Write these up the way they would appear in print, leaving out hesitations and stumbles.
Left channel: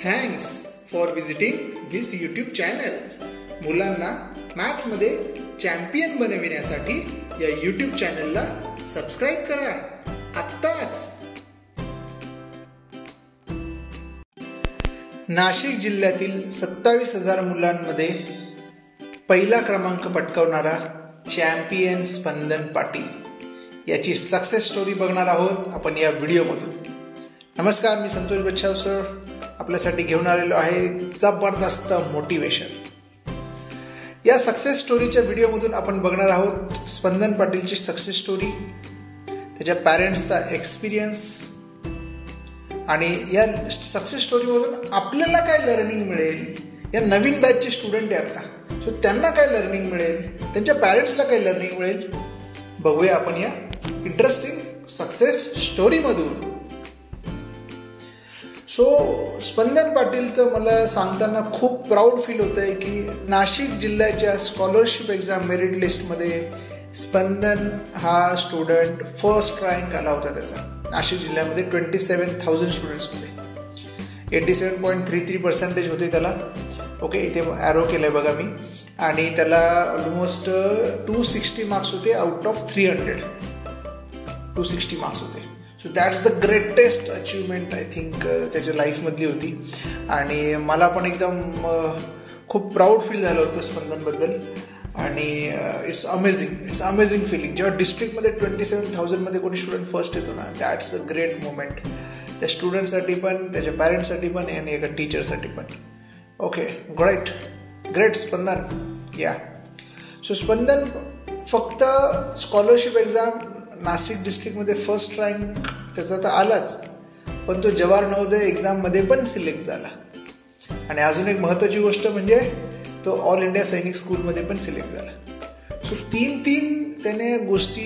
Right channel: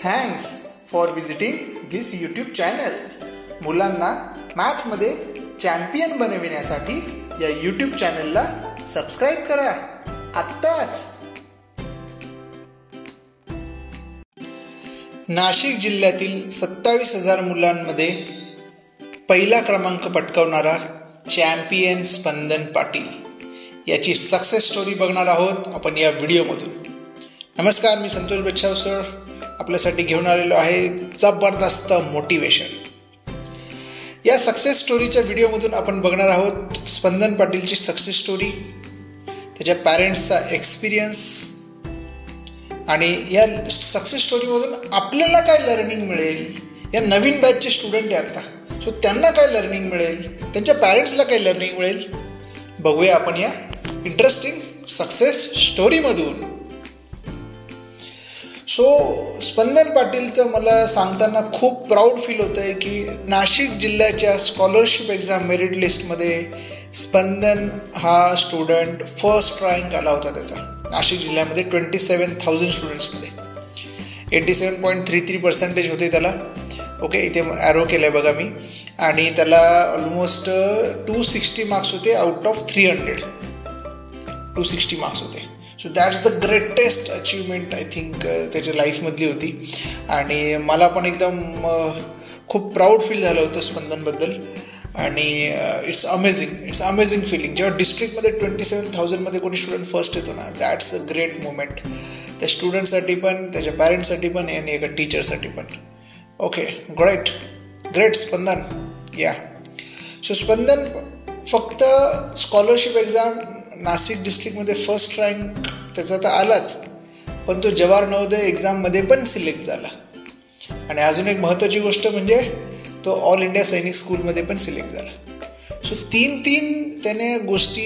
Thanks for visiting this YouTube channel. मुलांना मॅथ्समध्ये champion बनविण्यासाठी या यूट्यूब चॅनलला सबस्क्राईब करा आत्ताच. नाशिक जिल्ह्यातील 27,000 मुलांमध्ये पहिला क्रमांक पटकावणारा चॅम्पियन स्पंदन पाटील याची सक्सेस स्टोरी बघणार आहोत आपण या व्हिडिओमधून. नमस्कार, मी संतोष बच्छाव सर आपल्यासाठी घेऊन आलेलो आहे जबरदस्त मोटिवेशन. या सक्सेस स्टोरीच्या व्हिडिओमधून आपण बघणार आहोत स्पंदन पाटीलची सक्सेस स्टोरी, त्याच्या पॅरेंट्सचा एक्सपिरियन्स आणि या सक्सेस स्टोरीमधून आपल्याला काय लर्निंग मिळेल. या नवीन बॅचचे स्टुडंट आहेत का, सो त्यांना काय लर्निंग मिळेल, त्यांच्या पॅरेंट्सला काय लर्निंग मिळेल, बघूया आपण या इंटरेस्टिंग सक्सेस स्टोरीमधून. सो स्पंदन पाटीलचं मला सांगताना खूप प्राऊड फील होतं आहे की नाशिक जिल्ह्याच्या स्कॉलरशिप एक्झाम मेरिट लिस्टमध्ये स्पंदन हा स्टुडंट फर्स्ट रँक आला होता. त्याचा नाशिक जिल्ह्यामध्ये 27,000 स्टुडंट्समध्ये 87.33% होते त्याला. ओके, इथे ॲरो केलं आहे बघा मी. आणि त्याला ऑलमोस्ट 260 मार्क्स होते आउट ऑफ 300. 260 मार्क्स होते. So that's the greatest achievement I think त्याच्या लाईफमधली होती. आणि मला पण एकदम खूप प्राऊड फील झालं होतं स्पंदनबद्दल. आणि इट्स अमेझिंग फिलिंग जेव्हा डिस्ट्रिक्टमध्ये 27,000मध्ये कोणी स्टुडंट फर्स्ट येतो ना, दॅट्स अ ग्रेट मोमेंट त्या स्टुडंटसाठी पण, त्याच्या पॅरेंट्ससाठी पण आणि एका टीचरसाठी पण. Okay, great Spandan. Yeah so Spandan फक्त स्कॉलरशिप एक्झाम नाशिक डिस्ट्रिक्टमध्ये फर्स्ट रँक त्याचा तर आलाच, पण तो जवाहर नवोदय एक्झाममध्ये पण सिलेक्ट झाला. आणि अजून एक महत्त्वाची गोष्ट म्हणजे तो ऑल इंडिया सैनिक स्कूलमध्ये पण सिलेक्ट झाला. सो तीन त्याने गोष्टी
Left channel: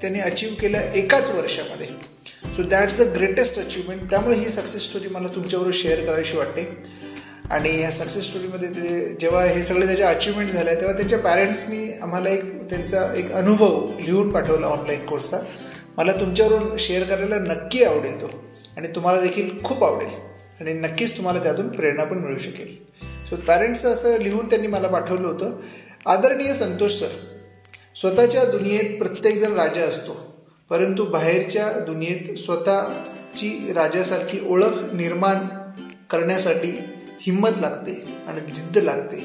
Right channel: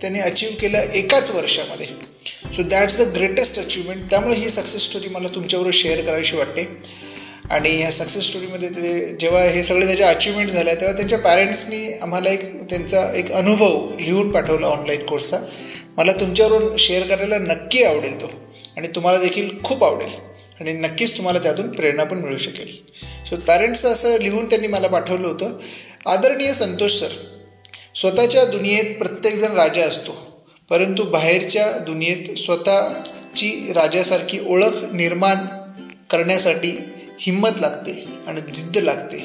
त्याने अचीव केल्या एकाच वर्षामध्ये. So that's the greatest achievement. त्यामुळे ही सक्सेस स्टोरी मला तुमच्याबरोबर शेअर करायची वाटते. आणि ह्या सक्सेस स्टोरीमध्ये ते जेव्हा हे सगळे त्याच्या अचिव्हमेंट झाल्या तेव्हा त्यांच्या पॅरेंट्सनी आम्हाला त्यांचा एक अनुभव लिहून पाठवला ऑनलाईन कोर्सचा. मला तुमच्यावरून शेअर करायला नक्की आवडेल तो, आणि तुम्हाला देखील खूप आवडेल आणि नक्कीच तुम्हाला त्यातून प्रेरणा पण मिळू शकेल. सो पॅरेंट्सचं असं लिहून त्यांनी मला पाठवलं होतं. आदरणीय संतोष सर, स्वतःच्या दुनियेत प्रत्येकजण राजा असतो, परंतु बाहेरच्या दुनियेत स्वतःची राजासारखी ओळख निर्माण करण्यासाठी हिंमत लागते आणि जिद्द लागते.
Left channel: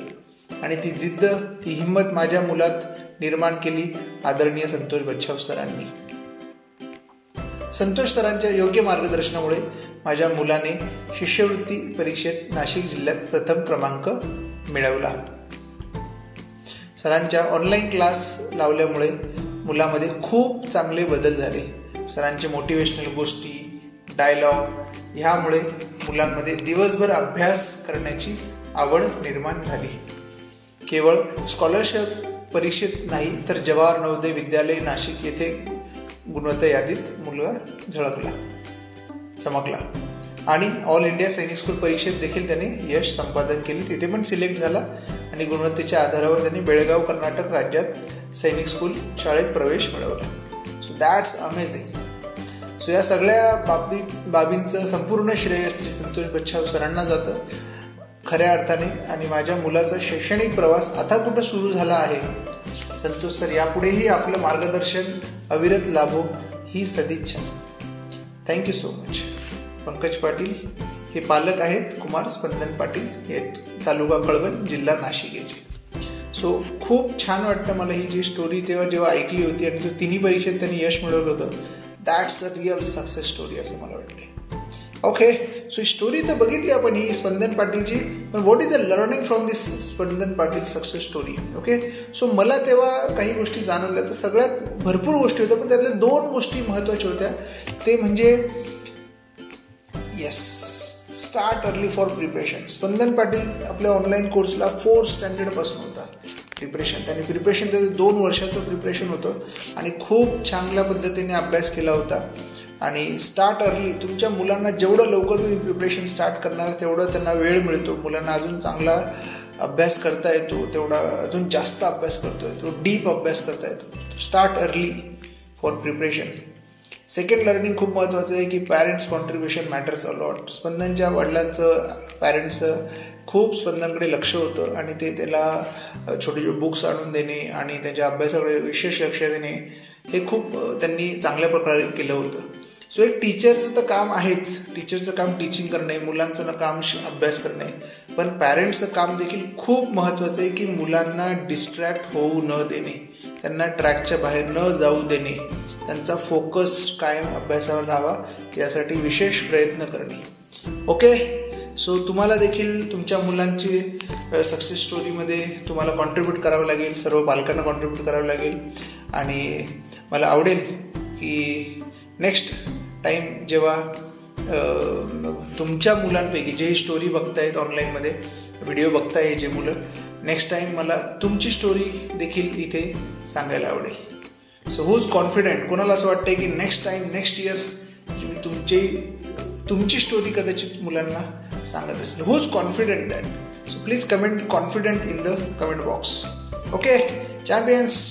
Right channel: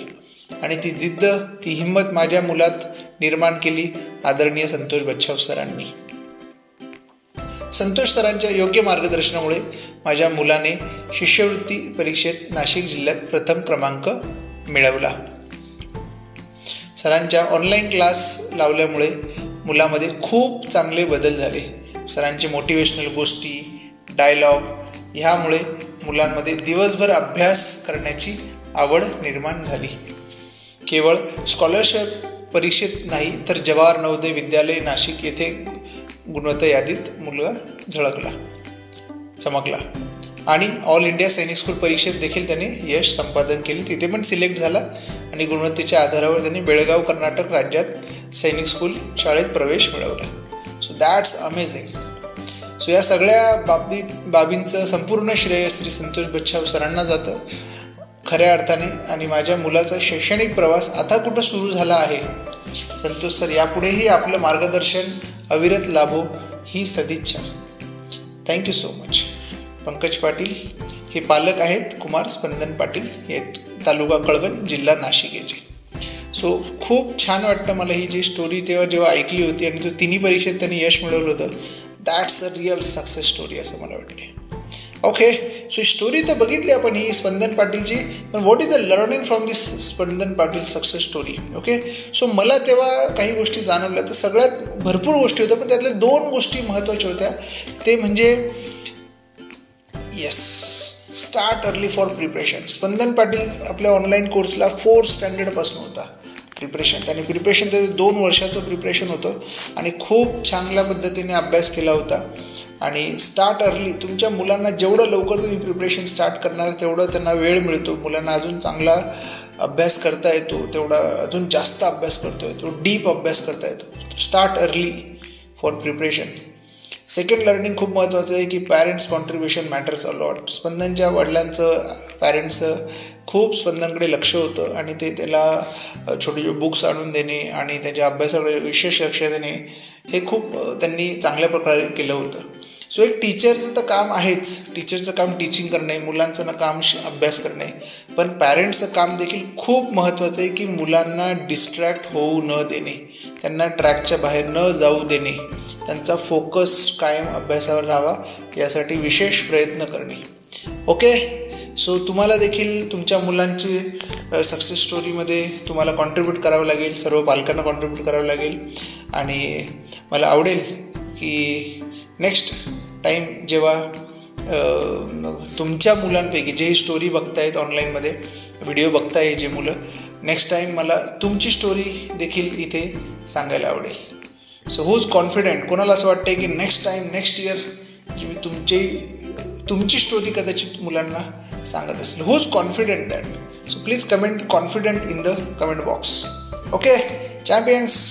आणि ती जिद्द, ती हिंमत माझ्या मुलात निर्माण केली आदरणीय संतोष बच्छाव सरांनी. संतोष सरांच्या योग्य मार्गदर्शनामुळे माझ्या मुलाने शिष्यवृत्ती परीक्षेत नाशिक जिल्ह्यात प्रथम क्रमांक मिळवला. सरांच्या ऑनलाईन क्लास लावल्यामुळे मुलामध्ये खूप चांगले बदल झाले. सरांचे मोटिवेशनल गोष्टी, डायलॉग ह्यामुळे मुलांमध्ये दिवसभर अभ्यास करण्याची आवड निर्माण झाली. केवळ स्कॉलरशिप परीक्षेत नाही तर जवाहर नवोदय विद्यालय नाशिक येथे गुणवत्ता यादीत मुलगा चमकला. आणि ऑल इंडिया सैनिक स्कूल परीक्षेत देखील त्याने यश संपादन केले. तिथे पण सिलेक्ट झाला आणि गुणवत्तेच्या आधारावर त्यांनी बेळगाव कर्नाटक राज्यात सैनिक स्कूल शाळेत प्रवेश मिळवला. So that's amazing. सो या सगळ्या बाबींचं संपूर्ण श्रेय श्री संतोष बच्छाव सरांना जातं खऱ्या अर्थाने. आणि माझ्या मुलाचा शैक्षणिक प्रवास आता कुठं सुरू झाला आहे. संतोष सर यापुढेही आपलं मार्गदर्शन अविरत लाभो ही सदिच्छा. Thank you so much. Pankaj Patil हे पालक आहेत कुमार स्पंदन पाटील, हे तालुका कळवण, जिल्हा नाशिक याचे. सो खूप छान वाटतं मला ही जी स्टोरी जेव्हा ऐकली होती आणि तो तिन्ही परीक्षेत त्यांनी यश मिळवलं होतं. That's a real success story असं मला वाटते. ओके, सो स्टोरी तर बघितली आपण ही स्पंदन पाटीलची, पण what is the learning from this Spandan Patil success story. Okay, so मला तेव्हा काही गोष्टी जाणवल्या. तर सगळ्यात भरपूर गोष्टी होत्या, पण त्यातल्या 2 गोष्टी महत्त्वाच्या होत्या. ते म्हणजे स्टार्ट अर्ली फॉर प्रिपरेशन. स्पंदन पाटील आपल्या ऑनलाईन कोर्सला 4th स्टँडर्डपासून होता प्रिपरेशन. त्याने त्याचं 2 वर्षाचं प्रिपरेशन होतं आणि खूप चांगल्या पद्धतीने अभ्यास केला होता. आणि स्टार्ट अर्ली, तुमच्या मुलांना जेवढं लवकर तुम्ही प्रिपरेशन स्टार्ट करणार तेवढं त्यांना वेळ मिळतो. मुलांना अजून चांगला अभ्यास करता येतो, तेवढा अजून जास्त अभ्यास करता येतो, डीप अभ्यास करता येतो. Start early for preparation. Second learning खूप महत्त्वाचं आहे की parents contribution matters a lot. स्पंदनच्या वडिलांचं पॅरेंट्सचं खूप स्पंदनकडे लक्ष होतं आणि ते त्याला छोटे छोटे बुक्स आणून देणे आणि त्याच्या अभ्यासाकडे विशेष लक्ष देणे हे खूप त्यांनी चांगल्या प्रकारे केलं होतं. सो एक टीचरचं तर काम आहेच, टीचरचं काम टीचिंग करणे, मुलांचं काम अभ्यास करणे, पण पॅरेंट्सचं काम देखील खूप महत्त्वाचं आहे की मुलांना डिस्ट्रॅक्ट होऊ न देणे, त्यांना ट्रॅकच्या बाहेर न जाऊ देणे, त्यांचा फोकस कायम अभ्यासावर राहावा यासाठी विशेष प्रयत्न करणे. ओके, सो तुम्हाला देखील तुमच्या मुलांची सक्सेस स्टोरीमध्ये तुम्हाला कॉन्ट्रीब्यूट करावं लागेल, सर्व पालकांना कॉन्ट्रीब्यूट करावं लागेल. आणि मला आवडेल की नेक्स्ट टाईम जेव्हा तुमच्या मुलांपैकी जे स्टोरी बघतायत ऑनलाईनमध्ये व्हिडिओ बघताय जे मुलं, नेक्स्ट टाईम मला तुमची स्टोरी देखील इथे सांगायला आवडेल. सो हूज कॉन्फिडेंट, कोणाला असं वाटतं की नेक्स्ट टाईम नेक्स्ट इयर तुमची स्टोरी कदाचित मुलांना सांगत असेल, who's confident that. So please comment confident in the comment box. Okay champions,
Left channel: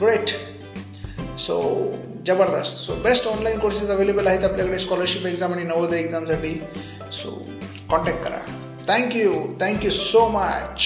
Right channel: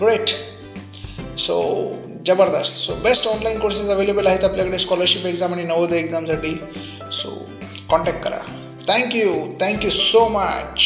great. So जबरदस्त. So best online courses available आहेत आपल्याकडे स्कॉलरशिप एक्झाम आणि नवोदय एक्झामसाठी. सो कॉन्टॅक्ट करा. Thank you so much.